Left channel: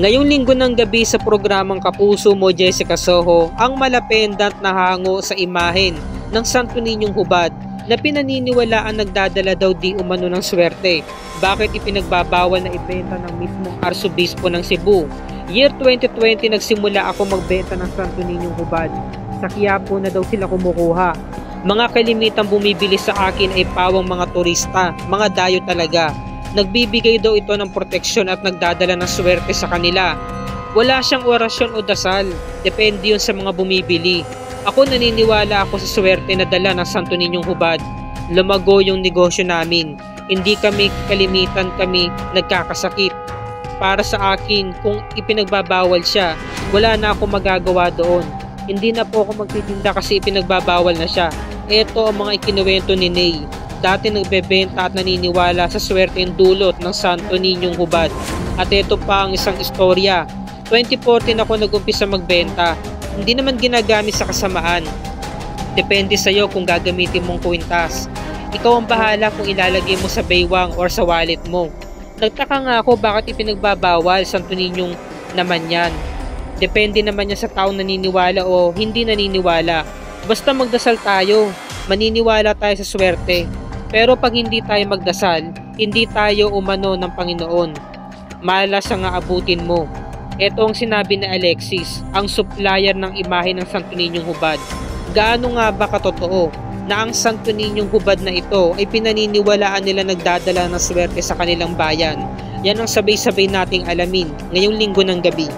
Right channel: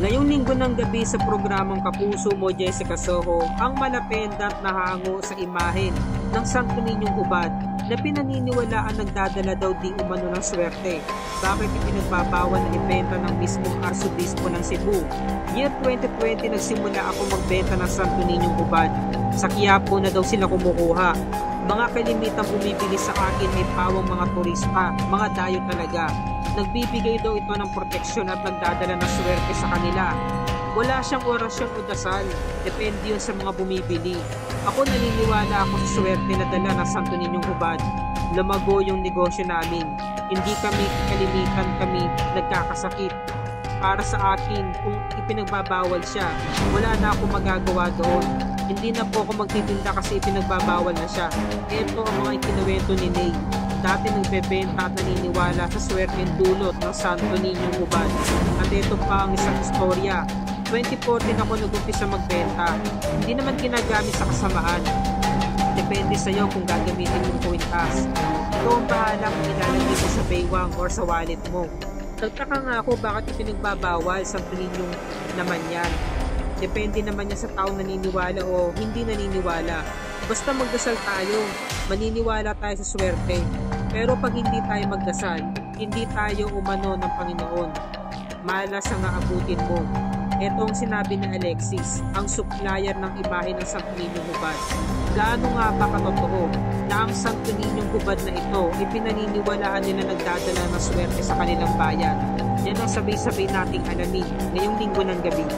Ngayong linggo ng gabi sa programang Kapuso Mo Jessica Soho, ang malapendant na hango sa imahen ng Santo Niñong Hubad na pinaniniwalaan nagdadala daw di umano ng swerte. Bakit ipinagbabawal na ibenta ng mismong Arsobispo ng Cebu? Year 2020 nagsimula ako magbenta ng Santo Niñong Hubad. Sa Quiapo na daw sila kumukuha. Mga kalimitang bumibili sa akin ay pawang mga turista, mga dayo talaga. Nagbibigay daw ito ng proteksyon at nagdadala ng swerte sa kanila. Wala siyang orasyon o dasal, depende yun sa mga bumibili. Ako naniniwala ako sa swerte na dala ng Santo Niñong Hubad. Lumago yung negosyo namin. Hindi kami kalimitan kami nagkakasakit. Para sa akin, kung ipinagbabawal siya, wala na ako magagawa doon. Hindi na po ako magtitinda kasi ipinagbabawal na siya. Ito ang mga ikinuwento ni Ney. Dati nagbebenta at naniniwala sa swerteng dulot ng Santo Niñong Hubad. At ito pa ang isang istorya. 2014 ako nag-umpisa magbenta. Hindi naman ginagamit sa kasamaan. Depende sa iyo kung gagamitin mong kwintas. Ikaw ang bahala kung ilalagay mo sa baywang or sa wallet mo. Nagtaka nga ako bakit ipinagbabawal Santo Niñong naman yan. Depende naman yan sa taong naniniwala o hindi naniniwala. Basta magdasal tayo, maniniwala tayo sa swerte. Pero pag hindi tayo magdasal, hindi tayo umano ng Panginoon. Malas ang aabutin mo. Ito ang sinabi ni Alexis, ang supplier ng imahe ng Santo Niñong Hubad. Gaano nga ba katotoo na ang Santo Niñong Hubad na ito ay pinaniniwalaan nila nagdadala ng swerte sa kanilang bayan? Yan ang sabay-sabay nating alamin ngayong linggo ng gabi.